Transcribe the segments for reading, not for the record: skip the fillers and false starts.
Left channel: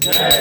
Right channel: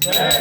जय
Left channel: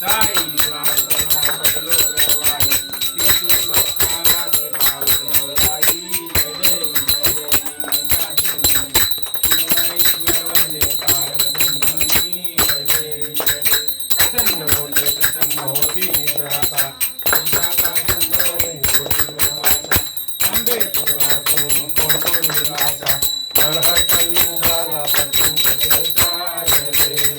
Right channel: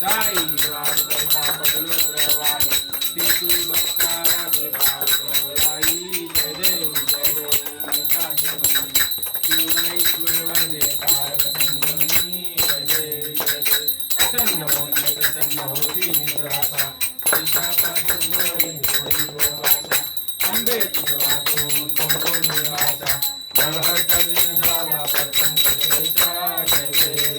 साई द्वारका बदलो रवाई तितु भक्ता माझे भाव गौराई जय देवी मैया देवी शिवमयी वंदे पार्वती जय देवी प्रसन्न होती निराशा विशाखा सुंदरी होती भाषा अंबे तुझा तो निराशा हर हर कलियुग झाला सत्संग सत्संग जय देवी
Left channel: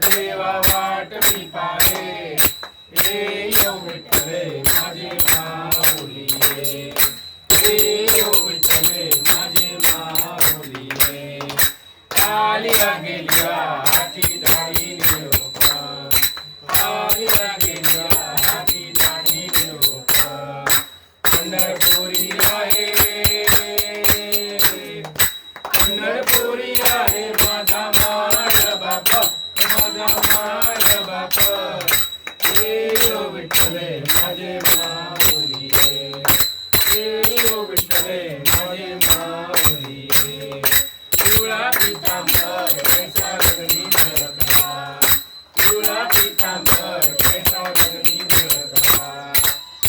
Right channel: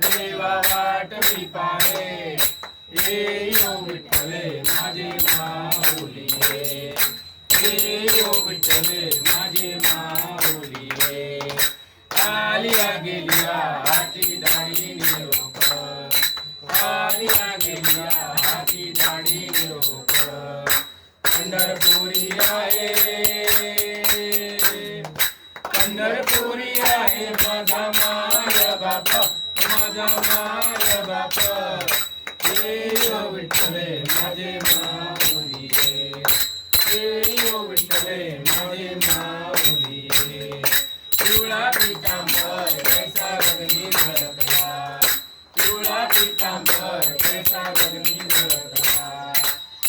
देवा वाट मी पाहे ये यो विठ्ठले माझे माऊलिये ये यो विठ्ठले माझे माऊलिये आलिया गेलिया हाती दाढी निरोप आलिया गेलिया हाती दाढी निरोप पंढरपुरी आहे माझा माय बापा माझा माय बाप ये यो विठ्ठले माझे माऊलिये ये यो विठ्ठले माझे माऊलिये पिवळा पितांबर कैसा रंगली नरकला पिवळा पितांबर कैसा रंगली नरकला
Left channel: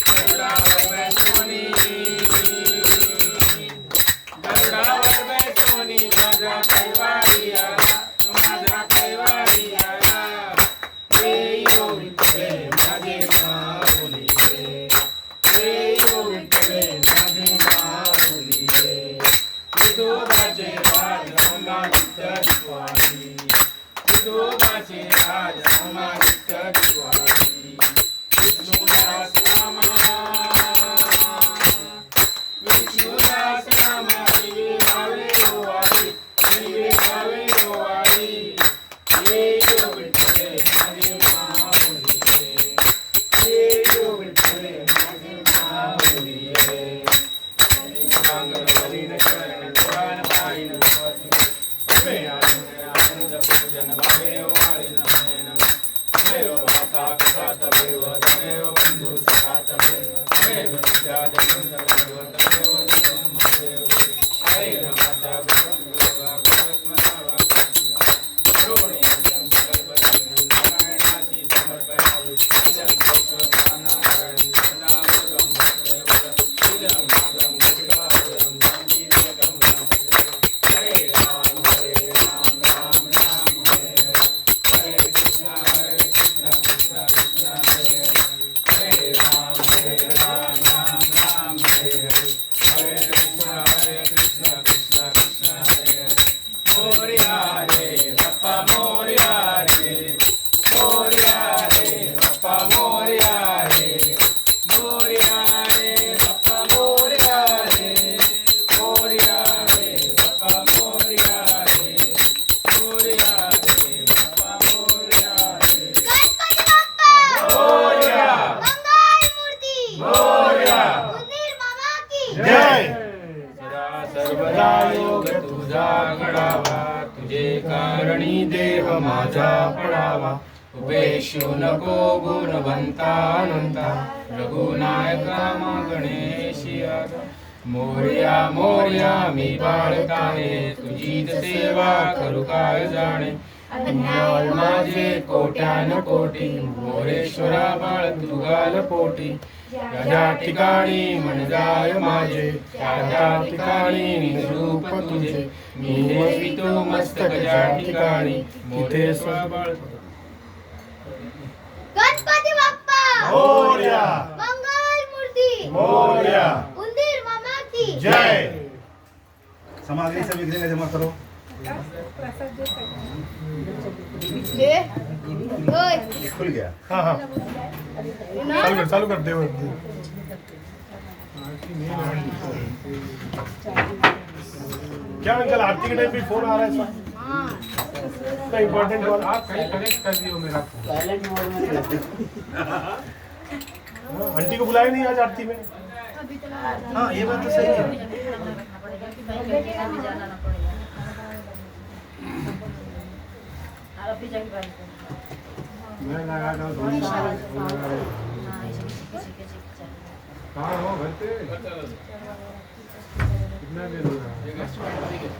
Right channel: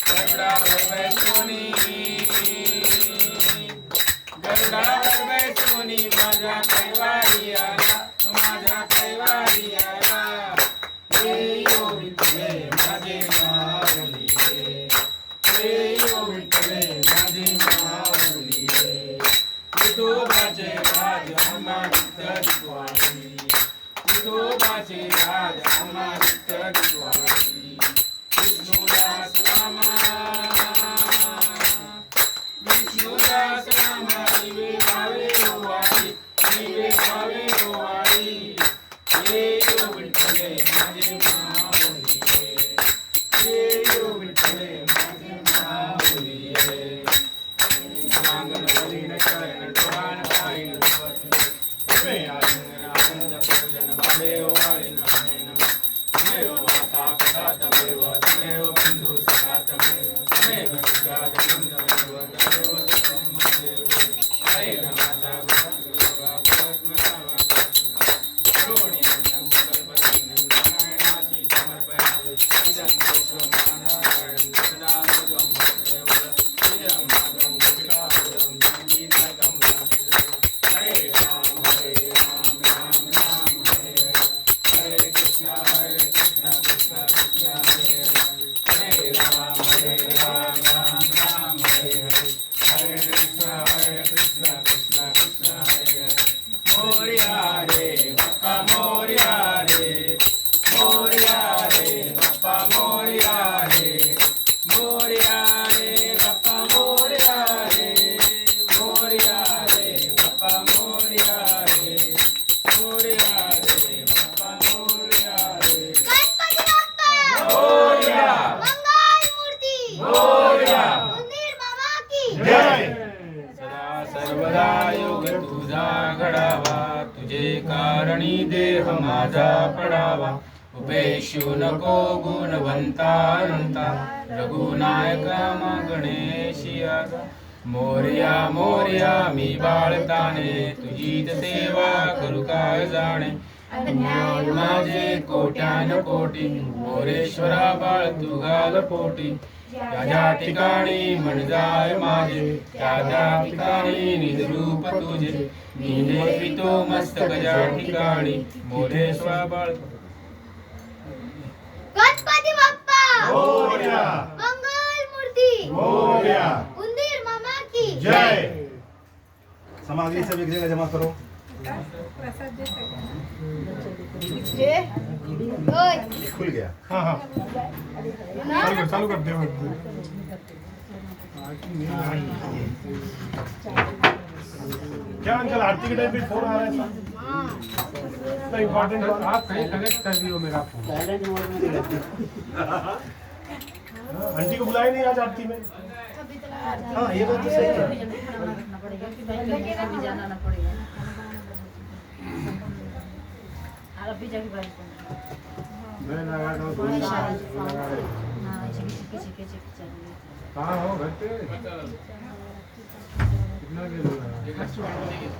गरुडावर बैसोनी माझा कैवारी आला माझा कैवारी आला ये यो विठ्ठले माझे माऊलिये ये यो विठ्ठले माझे माऊलिये विठोबाचे राज अंबा विठ्ठलवाडी विठोबाचे राज अंबा विठ्ठलवाडी विष्णुदास रामा विष्णुदास रामा विवे भावे ओवाळी ये यो विठ्ठले माझे माऊलिये ये यो विठ्ठले माझे माऊलिये अंगणवलीन करण डोळान पाळीन अबे आनंद पूजन भावे ओवाळी नमः देव माता पिता तमेव तमेव बंधु सखा तमेव विद्या जगन्द देव तमेव तमेव हरे माता तुझे कारणी देह माझा पडावा उपेक्षू नको गुणवंता अनंता रघुनायका मा गणेशी आता मोरया मोरया मी बाळकाने तुझीच सेवा करू काय जाणे माझे कोट्यान कोटी मोरेश्वरा बाळ तू घाल पोटी त्या ठिकाणी मन जाय माझे त्या ठिकाणी निजरूप तुझे मी देवितो मस्तक ज्या ठिकाणी मोरेश्वरा बाळ गणपती बाप्पा मोरया मंगल मूर्ती मोरया उंदीर मामा की जय। समाधि से विघ्न जमा करो। खुल गया। हाँ हाँ चालू कर दे क्या अंकल आरती के टाइम पे फोन आ रहा है इसका इम्पोर्टेंट कॉल आप कनेक्ट कर दियो मेरा साइलेंट मोड में। आंटी को बुलाया नहीं आज आरती में? हाँ ये बात तो सही है। मैं लगा रहा हूँ कहाँ हो घर पे कितना देर हो रहा है